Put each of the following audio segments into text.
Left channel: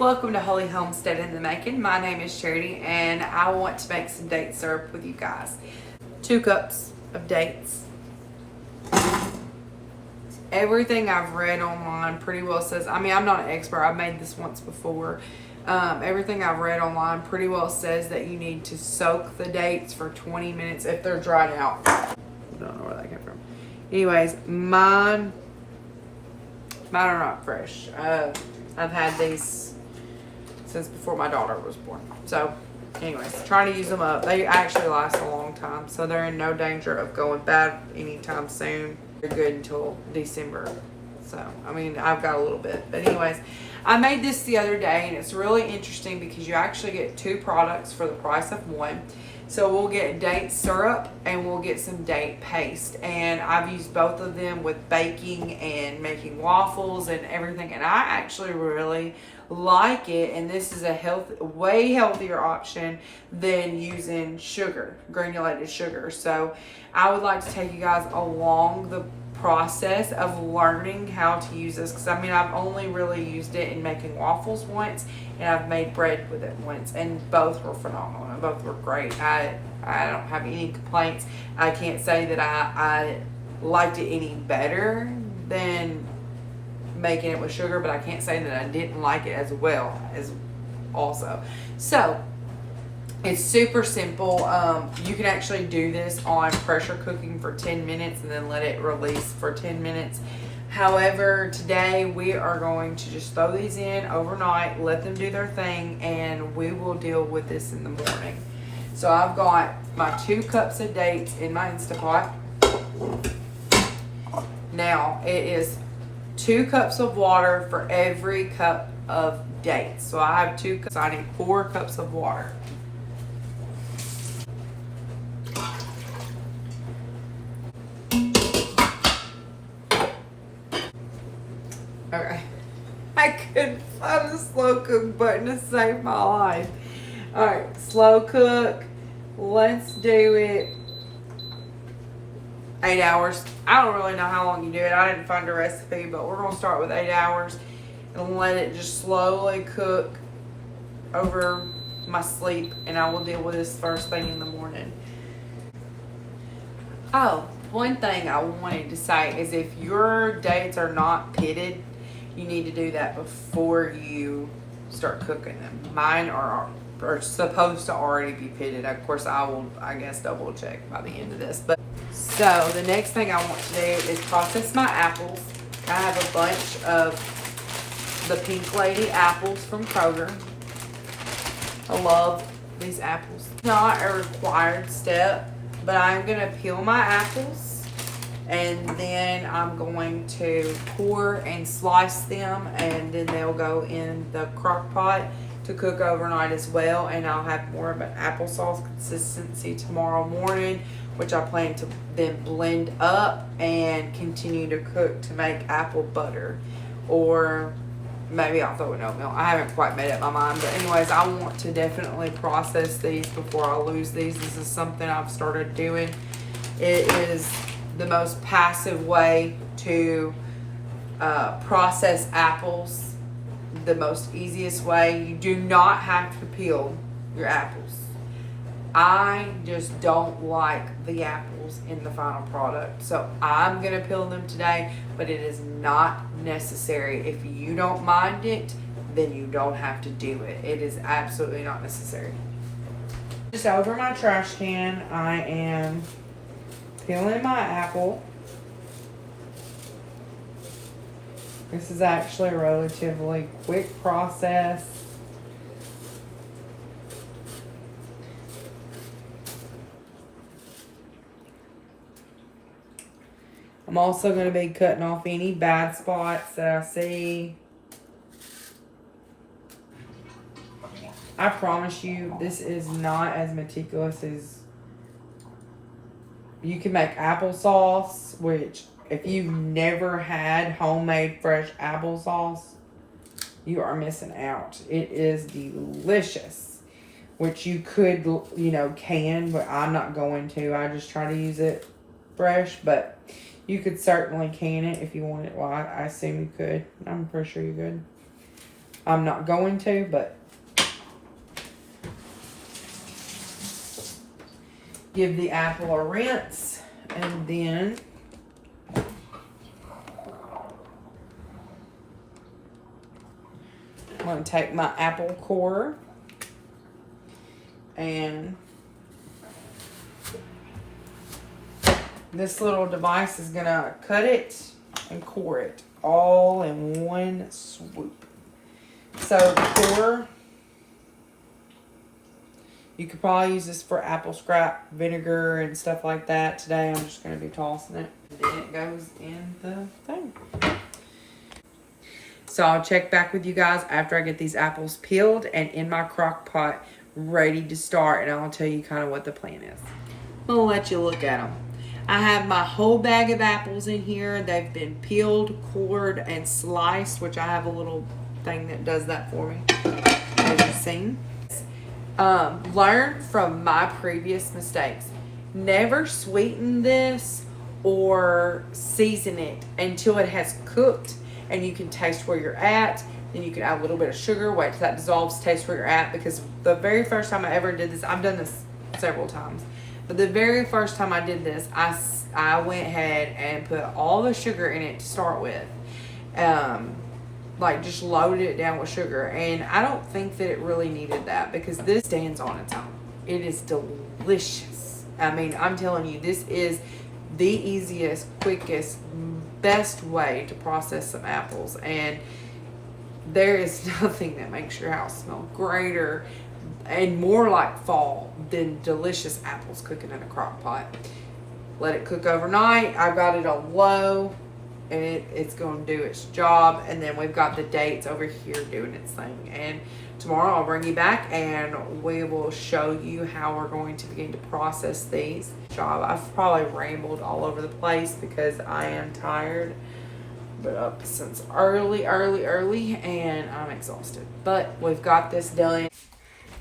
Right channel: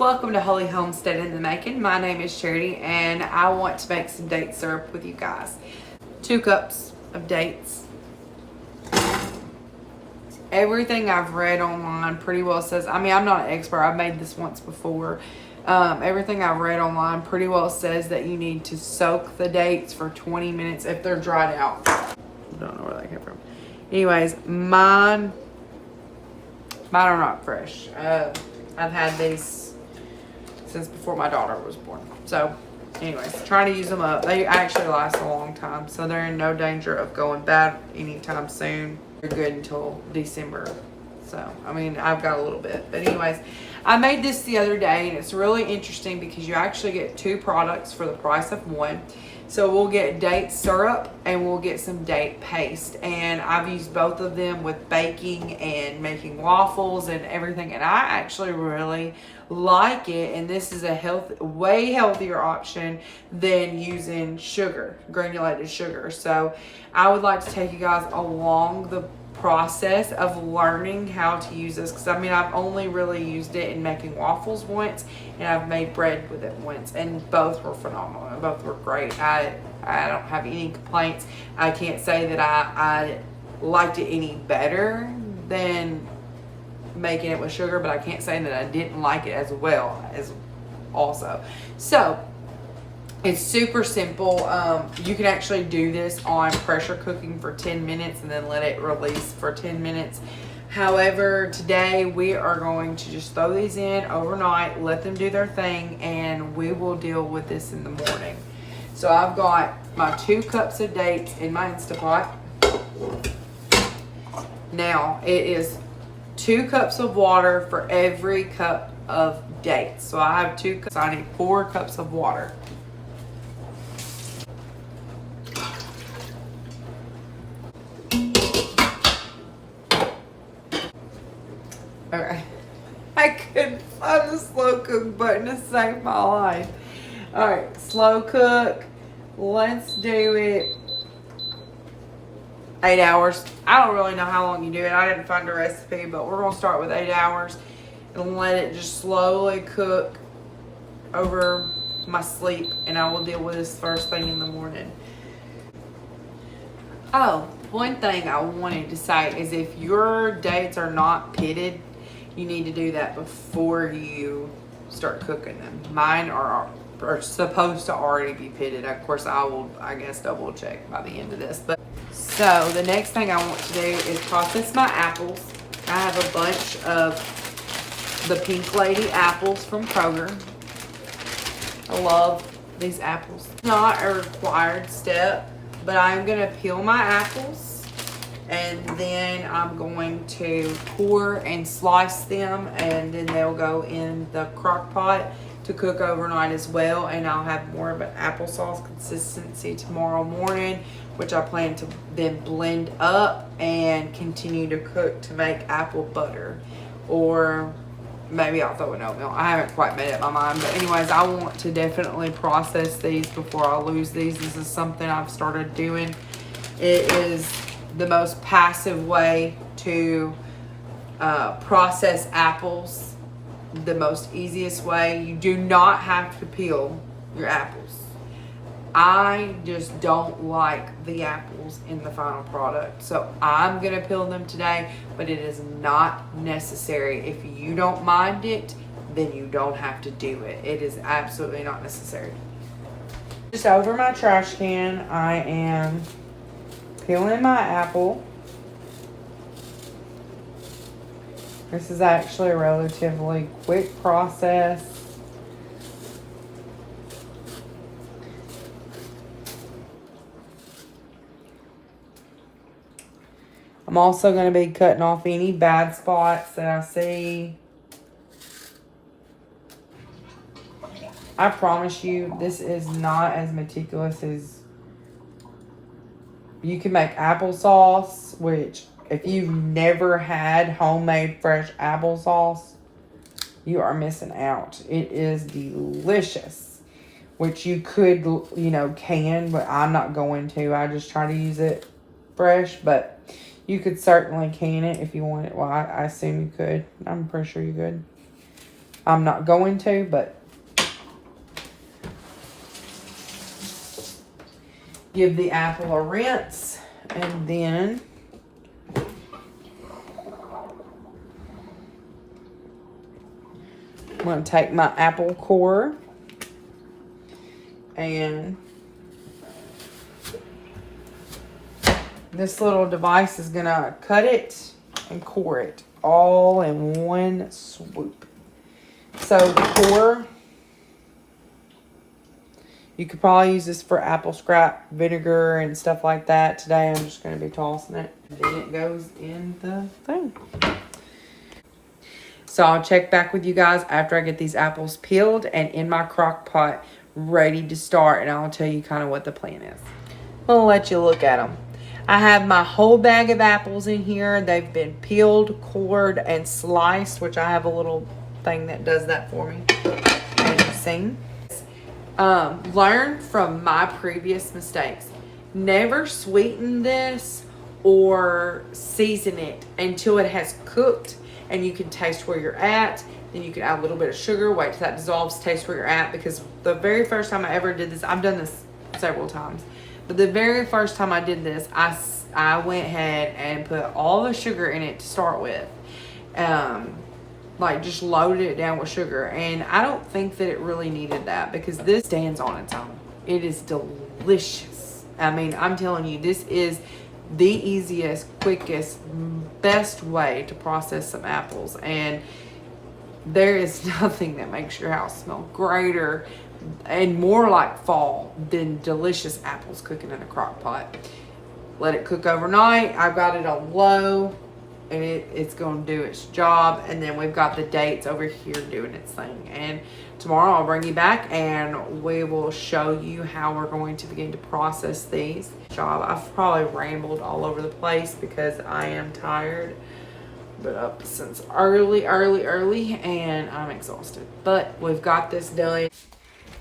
Welcome to Holy Homestead in the Making. My name is Charity and I want to make some date syrup with you guys. 2 cups of dates. Everything I've read online pretty well says, I'm not an expert, I've made this once before. Everything I've read online pretty well says that you need to soak the dates for 20 minutes if they're dried out. I don't know where that came from. Anyways, mine are not fresh. I've had these since before my daughter was born. So anyways, trying to use them up. They actually last a long time, so they're in no danger of going bad anytime soon. They're good until December. So, I've got a little bit. But anyways, I made this the other day, and it's really interesting because you actually get 2 products for the price of 1. So we'll get date syrup and we'll get some date paste. And I've used both of them with baking and making waffles and everything. And I actually really like it. And this is a way healthier option than using sugar, granulated sugar. So I would like to take you guys along the process of learning how to use this, because I've only really used it in making waffles once, and I've made bread with it once, and both were phenomenal and both were great. I don't have any complaints. I can't say that I liked it any better than making it with sugar, but I can't say that I didn't like it as well as also. So it's super simple. You can actually do this on pressure cooking for 10 minutes and then let it release for 10 minutes. However, today we are going to just throw these in overnight, let them do their thing, and we will deal with this in the morning. So I've got my 2 cups of dates in my Instapot. Now it is 2 cups of water for every cup of dates. So I have 2 cups. I need 4 cups of water. Okay, I couldn't find the slow cook button to save my life. Alright, slow cook. Let's do it 8 hours. I don't really know how long you do it. I didn't find a recipe, but we're going to start with 8 hours and let it just slowly cook over my sleep, and I will deal with this first thing in the morning. Oh, one thing I wanted to say is if your dates are not pitted, you need to do that before you start cooking them. Mine are supposed to already be pitted. Of course, I will, double check by the end of this. But so the next thing I want to do is process my apples. I have a bunch of the Pink Lady apples from Kroger. I love these apples. Not a required step, but I'm going to peel my apples. And then I'm going to core and slice them, and then they'll go in the crock pot to cook overnight as well. And I'll have more of an applesauce consistency tomorrow morning, which I plan to then blend up and continue to cook to make apple butter. Or maybe I'll throw in oatmeal. I haven't quite made up my mind. But anyways, I want to definitely process these before I lose these. This is something I've started doing. It is the most passive way to process apples, the most easiest way. You do not have to peel your apples. I just don't like the apples in the final product, so I'm gonna peel them today, but it is not necessary. If you don't mind it, then you don't have to do it. It is absolutely not necessary. Just over my trash can, I am peeling my apple. This is actually a relatively quick process. I'm also going to be cutting off any bad spots that I see. I promise you, this is not as meticulous as you can make applesauce, which if you've never had homemade fresh applesauce, you are missing out. It is delicious, which you could, can, but I'm not going to. I just try to use it fresh, but you could certainly can it if you want it. Well, I assume you could. I'm pretty sure you could. I'm not going to, but give the apple a rinse, and then I'm going to take my apple core and this little device is going to cut it and core it all in one swoop. So the core, you could probably use this for apple scrap vinegar and stuff like that. Today I'm just going to be tossing it. And then it goes in the thing. So I'll check back with you guys after I get these apples peeled and in my crock pot ready to start. And I'll tell you kind of what the plan is. I'll let you look at them. I have my whole bag of apples in here. They've been peeled, cored, and sliced, which I have a little thing that does that for me. As you've seen. Learn from my previous mistakes. Never sweeten this or season it until it has cooked and you can taste where you're at. Then you can add a little bit of sugar, wait till that dissolves, taste where you're at. Because the very first time I ever did this, I've done this several times, but the very first time I did this, I went ahead and put all the sugar in it to start with. Like just loaded it down with sugar, and I don't think that it really needed that because this stands on its own. It is delicious. I mean, I'm telling you, this is the easiest, quickest, best way to process some apples, and there is nothing that makes your house smell greater and more like fall than delicious apples cooking in a crock pot. Let it cook overnight. I've got it on low. And it's going to do its job. And then we've got the dates over here doing its thing. And tomorrow I'll bring you back and we will show you how we're going to begin to process these. I've probably rambled all over the place because I am tired. But up since early and I'm exhausted. But we've got this done.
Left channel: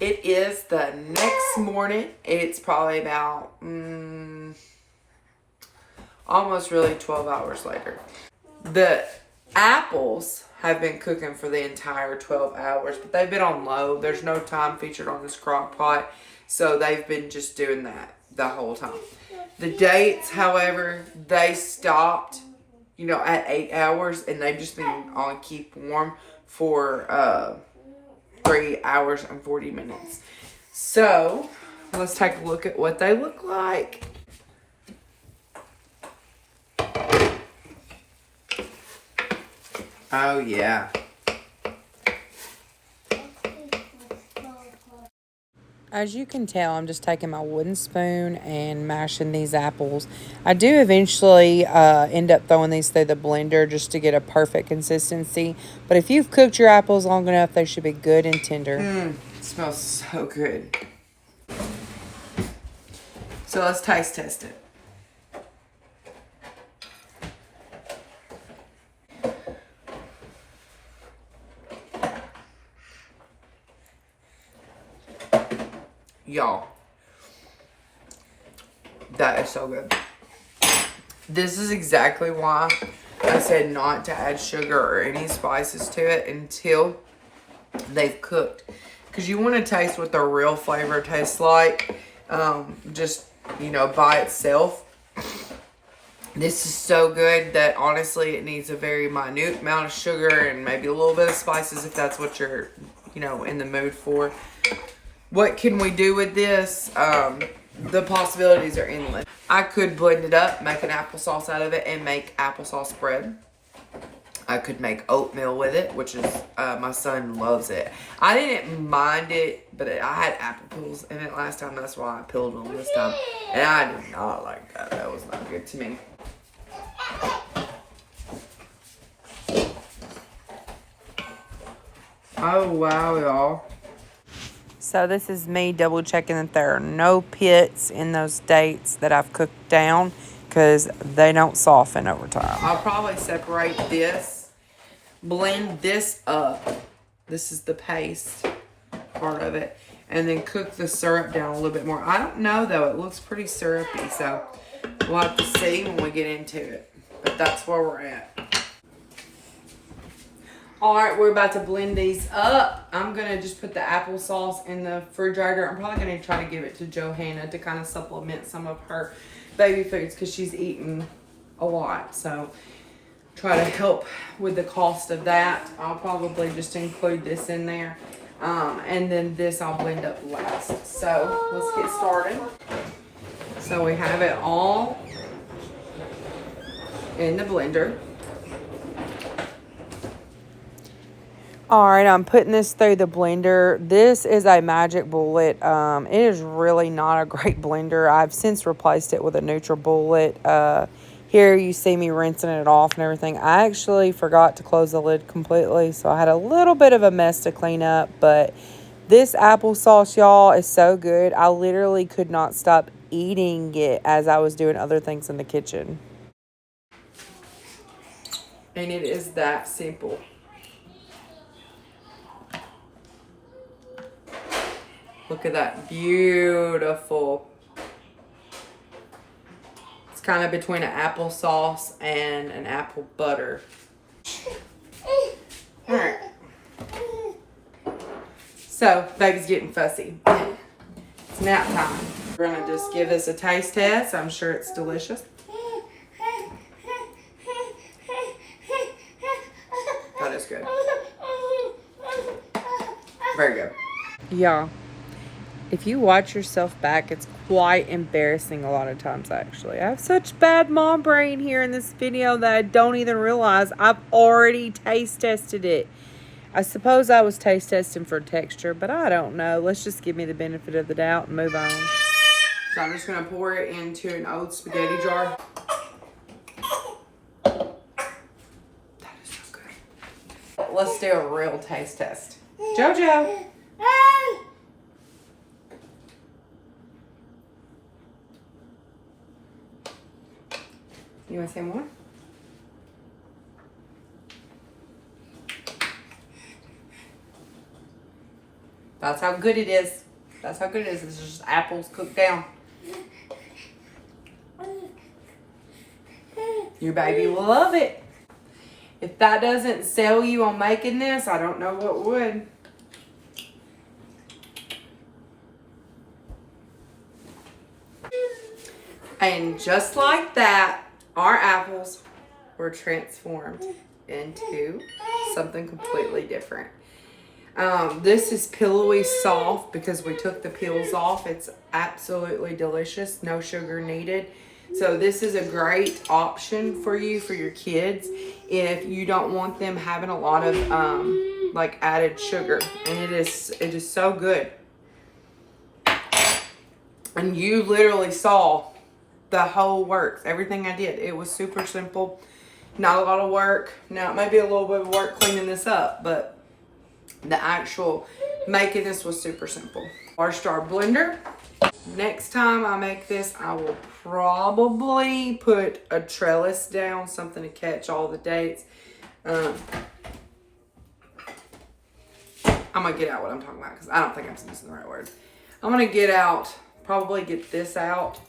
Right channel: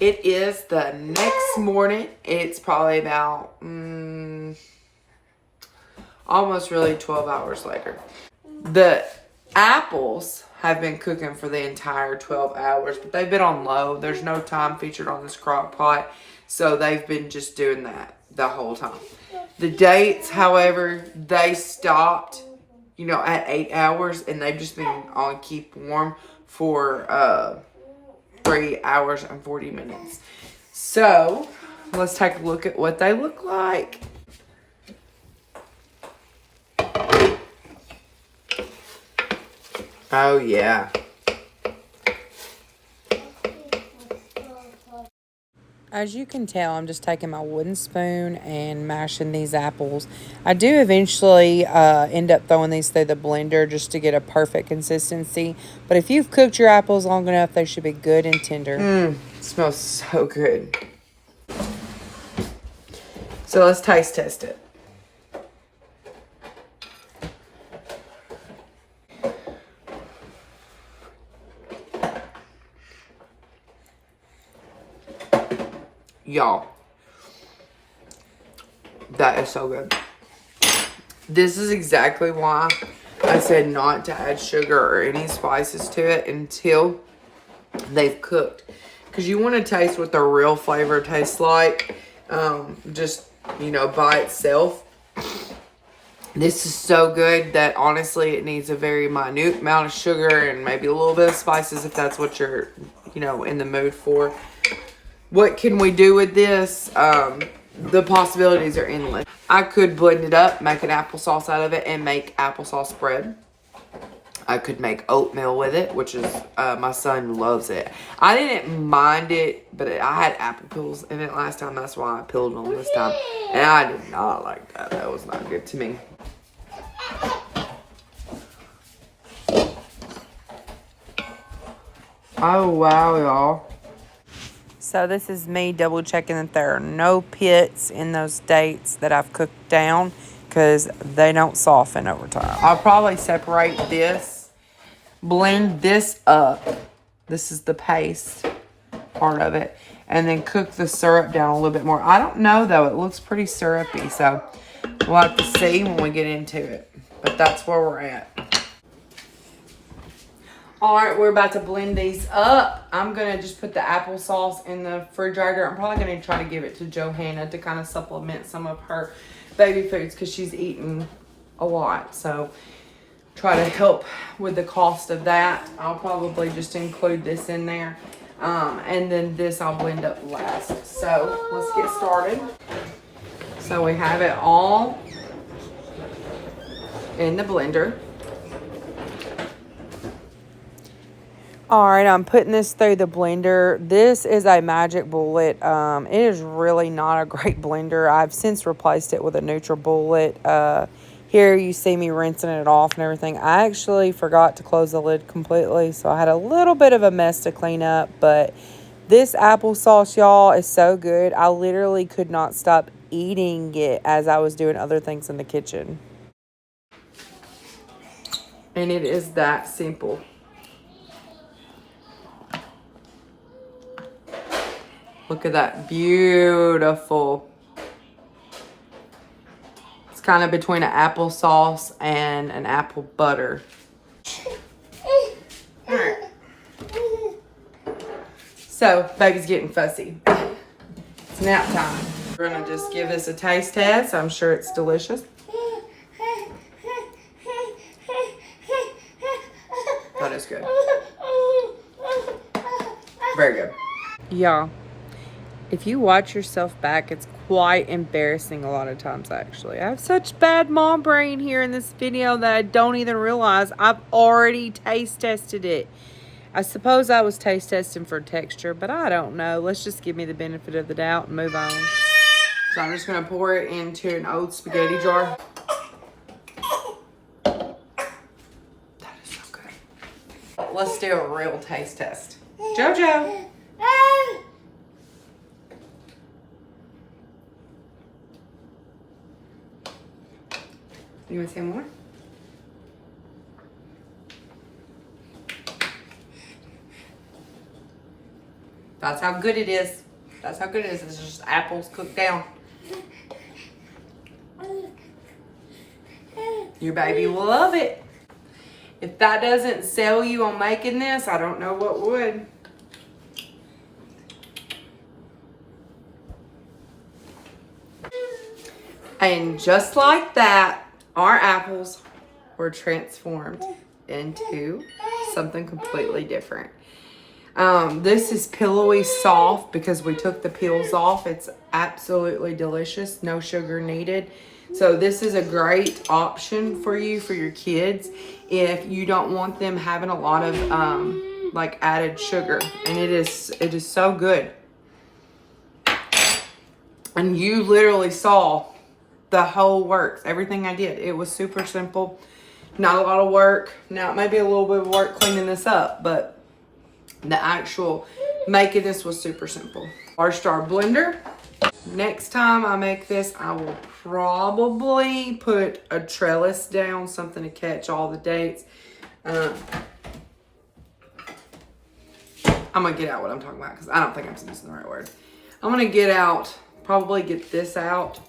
It is the next morning. It's probably about almost really 12 hours later. The apples have been cooking for the entire 12 hours, but they've been on low. There's no time featured on this crock pot, so they've been just doing that the whole time. The dates, however, they stopped, at 8 hours, and they've just been on keep warm for 3 hours and 40 minutes. So, let's take a look at what they look like. Oh, yeah. As you can tell, I'm just taking my wooden spoon and mashing these apples. I do eventually end up throwing these through the blender just to get a perfect consistency. But if you've cooked your apples long enough, they should be good and tender. It smells so good. So let's taste test it. Y'all, that is so good. This is exactly why I said not to add sugar or any spices to it until they've cooked. Because you want to taste what the real flavor tastes like. Just, by itself. This is so good that honestly it needs a very minute amount of sugar and maybe a little bit of spices if that's what you're, in the mood for. What can we do with this? The possibilities are endless. I could blend it up, make an applesauce out of it, and make applesauce bread. I could make oatmeal with it, which is, my son loves it. I didn't mind it, but I had apple peels in it last time. That's why I peeled them this time. And I did not like that. That was not good to me. Oh, wow, y'all. So this is me double checking that there are no pits in those dates that I've cooked down because they don't soften over time. I'll probably separate this, blend this up. This is the paste part of it. And then cook the syrup down a little bit more. I don't know though, it looks pretty syrupy. So we'll have to see when we get into it. But that's where we're at. All right, we're about to blend these up. I'm going to just put the applesauce in the refrigerator. I'm probably going to try to give it to Johanna to kind of supplement some of her baby foods because she's eating a lot. So try to help with the cost of that. I'll probably just include this in there. And then this I'll blend up last. So let's get started. So we have it all in the blender. All right, I'm putting this through the blender. This is a Magic Bullet. It is really not a great blender. I've since replaced it with a NutriBullet. Here you see me rinsing it off and everything. I actually forgot to close the lid completely, so I had a little bit of a mess to clean up. But this applesauce, y'all, is so good. I literally could not stop eating it as I was doing other things in the kitchen. And it is that simple. Look at that, beautiful. It's kind of between an applesauce and an apple butter. All right. So, baby's getting fussy. It's nap time. We're gonna just give this a taste test. I'm sure it's delicious. That is good. Very good. Yeah. If you watch yourself back, it's quite embarrassing a lot of times, actually. I have such bad mom brain here in this video that I don't even realize I've already taste tested it. I suppose I was taste testing for texture, but I don't know. Let's just give me the benefit of the doubt and move on. So I'm just going to pour it into an old spaghetti jar. That is so good. Let's do a real taste test. JoJo. You want to say more? That's how good it is. That's how good it is. It's just apples cooked down. Your baby will love it. If that doesn't sell you on making this, I don't know what would. And just like that, our apples were transformed into something completely different. This is pillowy soft because we took the peels off. It's absolutely delicious. No sugar needed. So this is a great option for you, for your kids, if you don't want them having a lot of like added sugar. And it is so good. And you literally saw the whole works, everything I did. It was super simple, not a lot of work. Now it may be a little bit of work cleaning this up, but the actual making this was super simple. Our star blender. Next time I make this, I will probably put a trellis down, something to catch all the dates. I'm gonna get out what I'm talking about because I don't think I'm using the right word. I'm gonna probably get this out,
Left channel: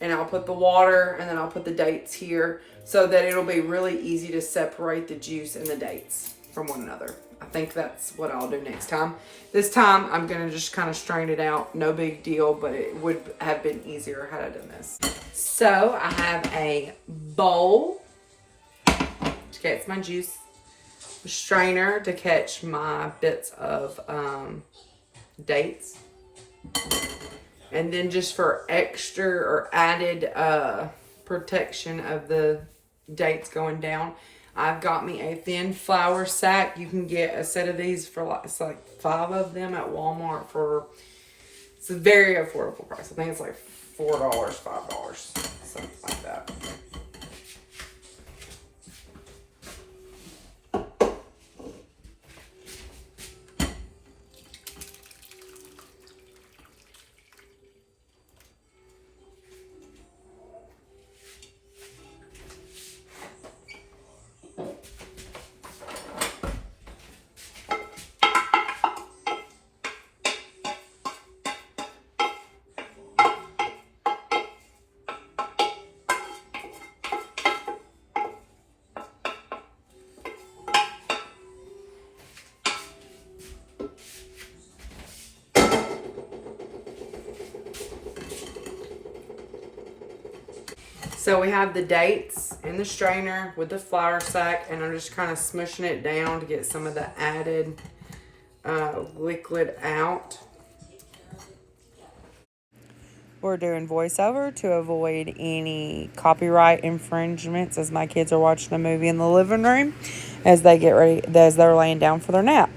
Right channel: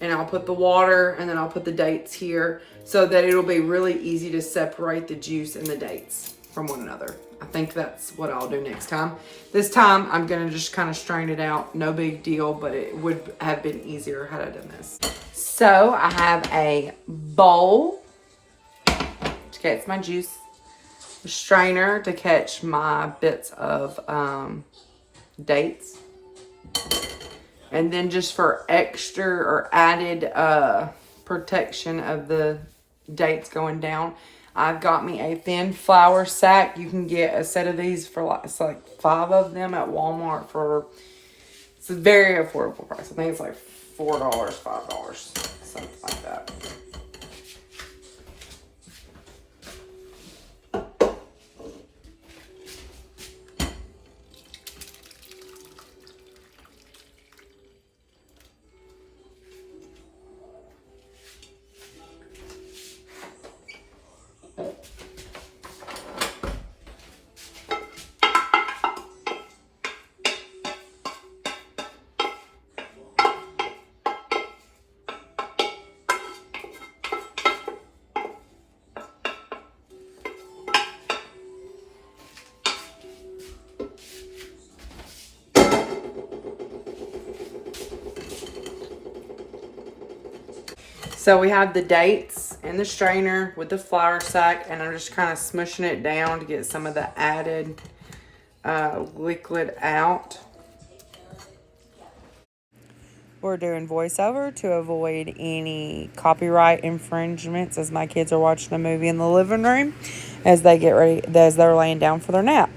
and I'll put the water and then I'll put the dates here so that it'll be really easy to separate the juice and the dates from one another. I think that's what I'll do next time. This time I'm gonna just kind of strain it out. No big deal, but it would have been easier had I done this. So I have a bowl to catch my juice, a strainer to catch my bits of dates, and then just for extra or added protection of the dates going down, I've got me a thin flour sack. You can get a set of these for it's like 5 of them at Walmart for, it's a very affordable price. I think it's like $4, $5, something like that. So we have the dates in the strainer with the flour sack, and I'm just kind of smushing it down to get some of the added liquid out. We're doing voiceover to avoid any copyright infringements as my kids are watching a movie in the living room as they get ready, as they're laying down for their nap.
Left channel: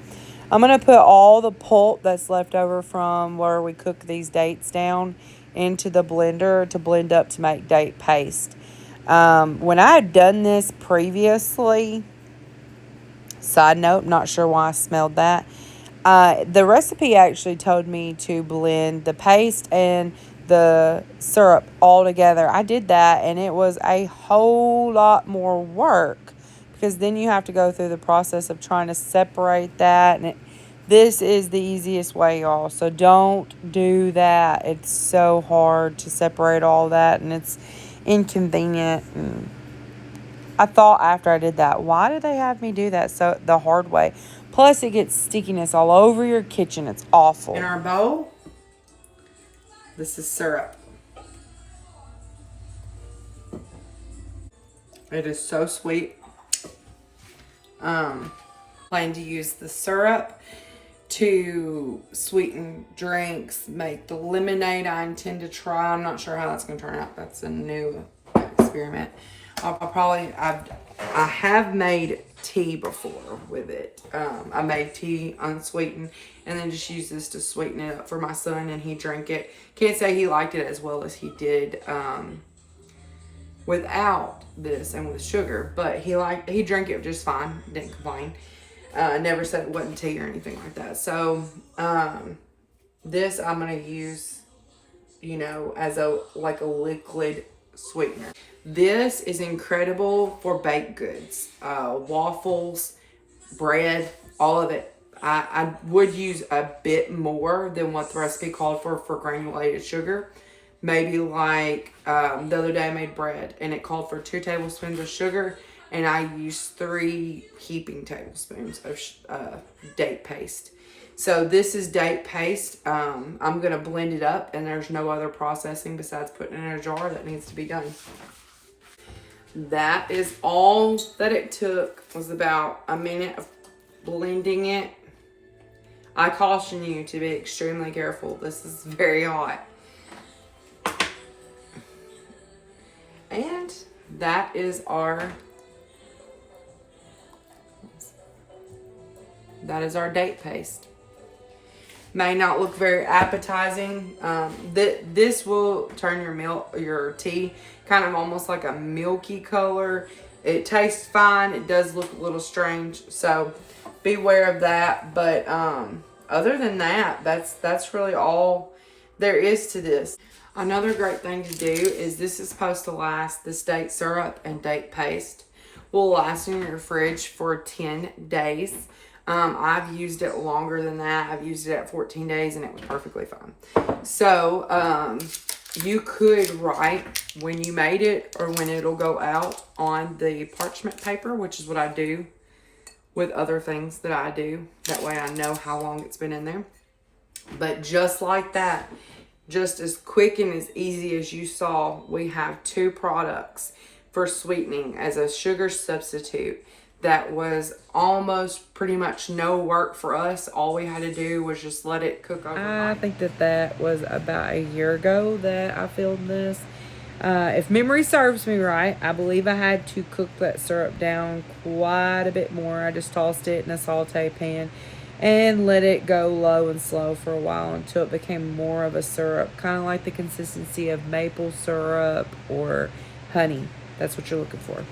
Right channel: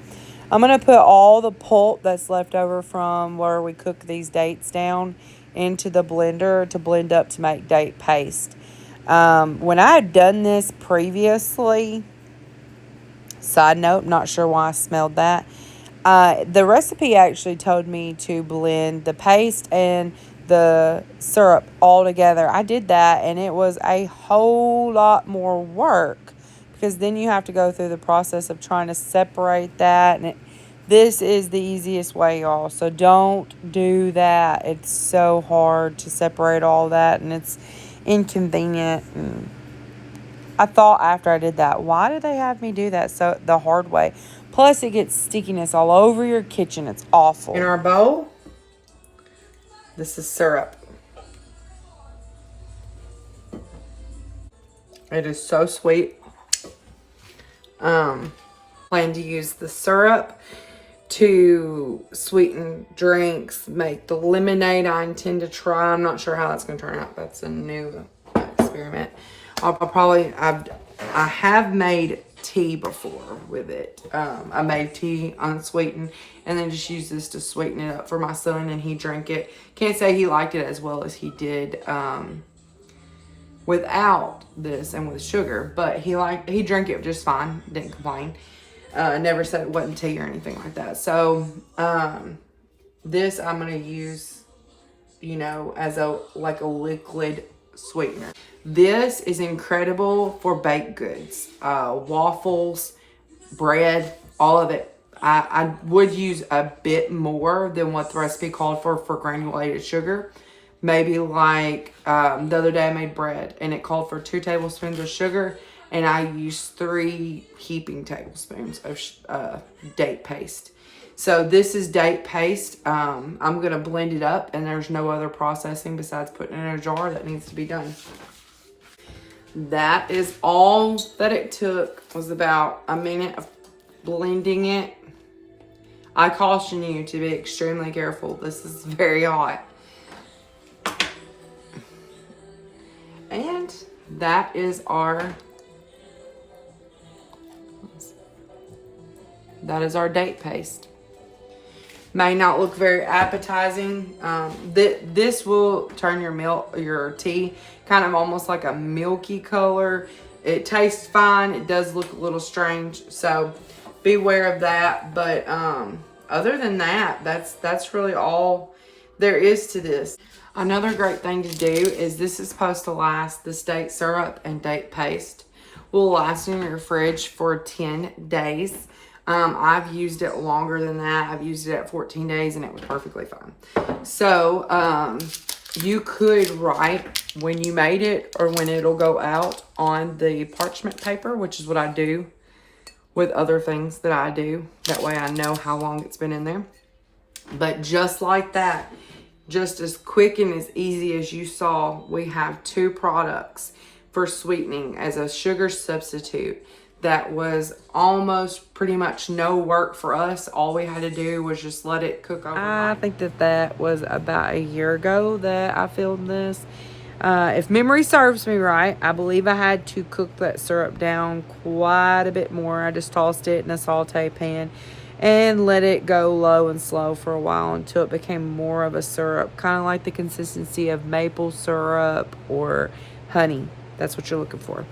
I'm going to put all the pulp that's left over from where we cook these dates down into the blender to blend up to make date paste. When I had done this previously, side note, not sure why I smelled that. The recipe actually told me to blend the paste and the syrup all together. I did that, and it was a whole lot more work because then you have to go through the process of trying to separate that. And this is the easiest way, y'all. So don't do that. It's so hard to separate all that, and it's inconvenient. And I thought after I did that, why did they have me do that so the hard way? Plus, it gets stickiness all over your kitchen. It's awful. In our bowl, this is syrup. It is so sweet. Plan to use the syrup to sweeten drinks, make the lemonade I intend to try. I'm not sure how that's going to turn out. That's a new experiment. I have made tea before with it. I made tea unsweetened and then just used this to sweeten it up for my son, and he drank it. Can't say he liked it as well as he did without this and with sugar, but he drank it just fine. Didn't complain. Never said it wasn't tea or anything like that. So this I'm gonna use, as a liquid sweetener. This is incredible for baked goods, waffles, bread, all of it. I would use a bit more than what the recipe called for granulated sugar. Maybe like the other day I made bread and it called for 2 tablespoons of sugar, and I used 3 heaping tablespoons of date paste. So this is date paste. I'm going to blend it up, and there's no other processing besides putting it in a jar that needs to be done. That is all that it took, was about a minute of blending it. I caution you to be extremely careful. This is very hot. And that is our date paste. May not look very appetizing. This will turn your tea kind of almost like a milky color. It tastes fine. It does look a little strange, so beware of that. But other than that, that's really all there is to this. Another great thing to do is this is supposed to last, this date syrup and date paste will last in your fridge for 10 days. I've used it longer than that. I've used it at 14 days and it was perfectly fine. So you could write when you made it or when it'll go out on the parchment paper, which is what I do with other things that I do. That way I know how long it's been in there. But just like that, just as quick and as easy as you saw, we have 2 products for sweetening as a sugar substitute. That was almost pretty much no work for us. All we had to do was just let it cook overnight. I think that was about a year ago that I filmed this. If memory serves me right, I believe I had to cook that syrup down quite a bit more. I just tossed it in a saute pan and let it go low and slow for a while until it became more of a syrup, kind of like the consistency of maple syrup or honey. That's what you're looking for.